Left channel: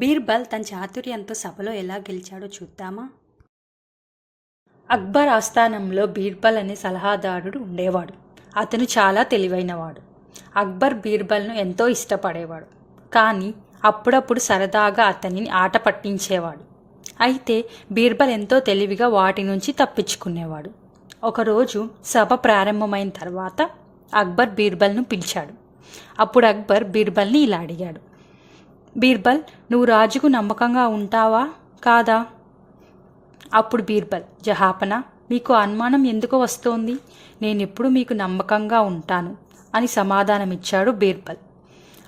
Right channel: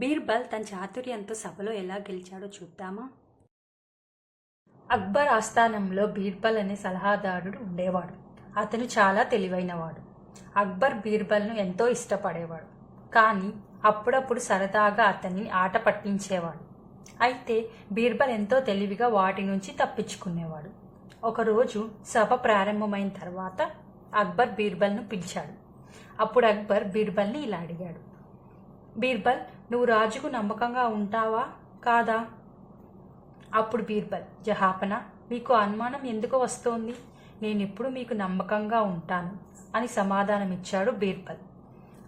బీర్బల్ తన చాతుర్యంతో సభలో ఎలా గెలిచాడో చూద్దామా. అక్బర్ ఆస్థానంలో బీర్బల్ అనే సలహాదారుడు ఉండేవాడు. అతను చాలా తెలివైనవాడు. అక్బర్ బీర్బల్ను ఎంతో ఇష్టపడేవాడు. కానీ అప్పుడప్పుడు సరదాగా అతనిని ఆట పట్టించేవాడు. అయితే బీర్బల్ ఎంతో తెలివిగా వాటి నుంచి తప్పించుకునేవాడు. ఒకరోజు సభ ప్రారంభమైన తర్వాత అక్బర్ బీర్బల్ను పిలిచాడు. అప్పుడు అక్బర్ బీర్బల్ని ఇలా అడిగాడు, బీర్బల్, నువ్వు రాజుకు నమ్మకంగా ఉంటావా కాదా? అప్పుడు బీర్బల్, జహాపన, మీకు అనుమానం ఎందుకు వస్తోంది? నేనెప్పుడు మీకు నమ్మకంగా ఉంటాను అని సమాధానమిచ్చాడు బీర్బల్.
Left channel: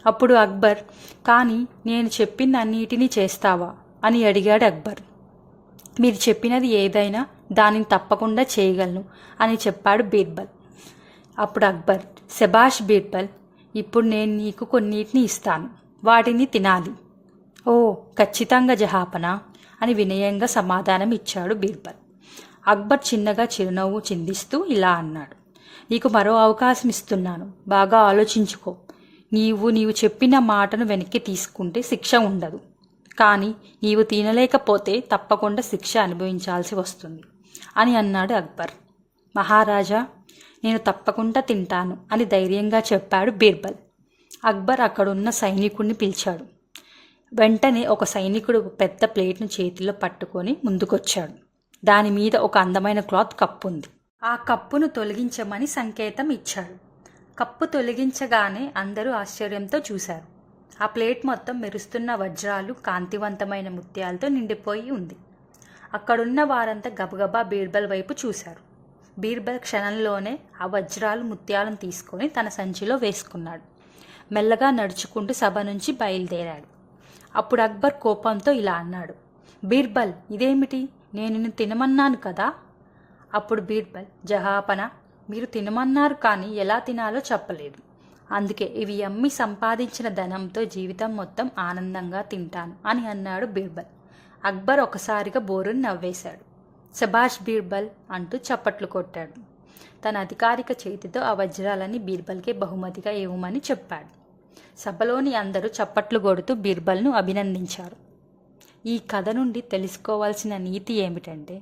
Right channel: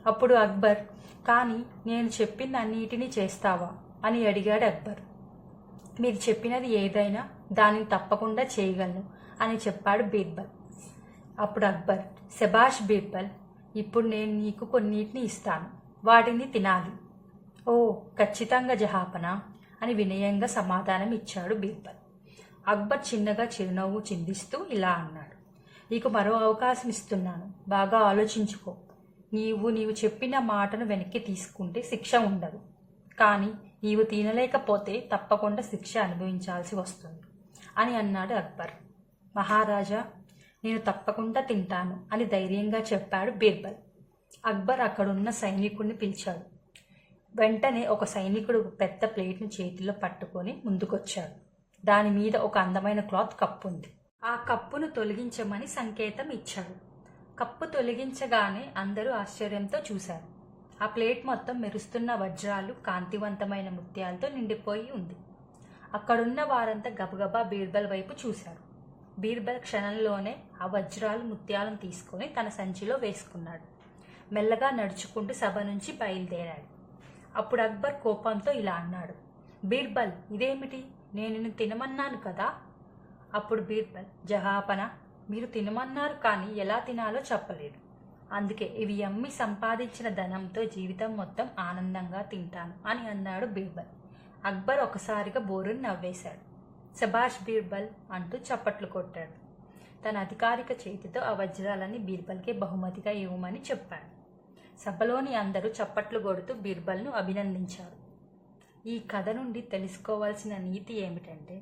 అప్పుడు అక్బర్, కానీ నేను చెప్పిన అన్నిటినీ చేస్తావా అని అడిగాడు అక్బర్. మీరు చెప్పినది ఏదైనా దానిని తప్పకుండా చేయగలను అని చెప్పాడు బీర్బల్. అప్పుడు అక్బర్, శబాష్ బీర్బల్, ఇప్పుడు నేను నీకు కొన్నిటిని ఇస్తాను, వాటిని తినాలి. ఓ, ఖచ్చితంగా జహాపన అని వినయంగా సమాధానం ఇచ్చాడు బీర్బల్. అక్బర్ చిన్నగా చిరునవ్వు చిందిస్తూ ఇలా అన్నాడు, నీకు మరో అవకాశం ఇస్తున్నాను, బాగా ఆలోచించుకో. నీవు చెప్పిన మాటను వెనక్కి తీసుకుంటే శిక్ష ఉండదు, కానీ నీవు తినలేకపోతే తప్పకుండా శిక్ష అనుభవించాల్సి వస్తుంది అని అన్నాడు అక్బర్. మహారాజా, నేను తప్పకుండా తింటాను అని ధైర్యంగా చెప్పాడు బీర్బల్. అక్బర్ అక్కడున్న సైనికుడిని పిలిచాడు. వెంటనే ఒక సైనికుడు పెద్ద ప్లేట్ను చేతిలో పట్టుకొని ముందుకొచ్చాడు. దాని మీద ఒక అందమైన క్లాత్ కప్పు ఉంది. ఆ కప్పును తొలగించమని సంకేతం ఇచ్చాడు. కప్పు తొలగించగానే అందరూ ఆశ్చర్యంతో చూశారు. ఆ ప్లేట్ మొత్తం మెరుస్తున్న వజ్రాలు, కాంతివంతమైన ముత్యాలతో నిండిపోయి ఉంది. అక్కడున్న వారంతా గబగబా బీర్బల్ వైపు చూశారు. బీర్బల్ క్షణంలోనే ఆ వజ్రాలు, ముత్యాలను తీసుకొని తన సంచిలో వేసుకున్నాడు. మెల్లగా నడుచుకుంటూ సభ నుంచి బయలుదేరాడు. అప్పుడు అక్బర్ కోపంతో ఇలా అన్నాడు, బీర్బల్, ఇదేమిటి? నేను నిన్ను తినమన్నాను కదా? అప్పుడు బీర్బల్, జహాపన, మీరు తినమన్నారు కానీ ఎలా తినాలో చెప్పలేదు. అందుకే ఇవి అమ్మి సంపాదించిన ధనంతో జీవితం మొత్తం ఆనందంగా తింటాను అని అన్నాడు బీర్బల్. అక్బర్ ఒకసారిగా బోరుని నవ్వేశాడు. శబాష్ బీర్బల్ అంటూ చప్పట్లు కొట్టాడు. తన అధికారిక చేతితో ఆ వజ్రాలని బీర్బల్కే బహుమతిగా ఇవ్వమని చెప్పాడు. సభలోని అందరూ చప్పట్లు కొడుతూ బీర్బల్ను అభినందించారు. ఈ కథ నుండి తెలుసుకోవాల్సిన నీతి ఏమిటంటే,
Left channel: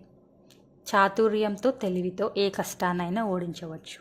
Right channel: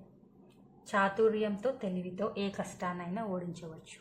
చాతుర్యంతో, తెలివితో ఏ కష్టాన్నైనా ఓడించవచ్చు.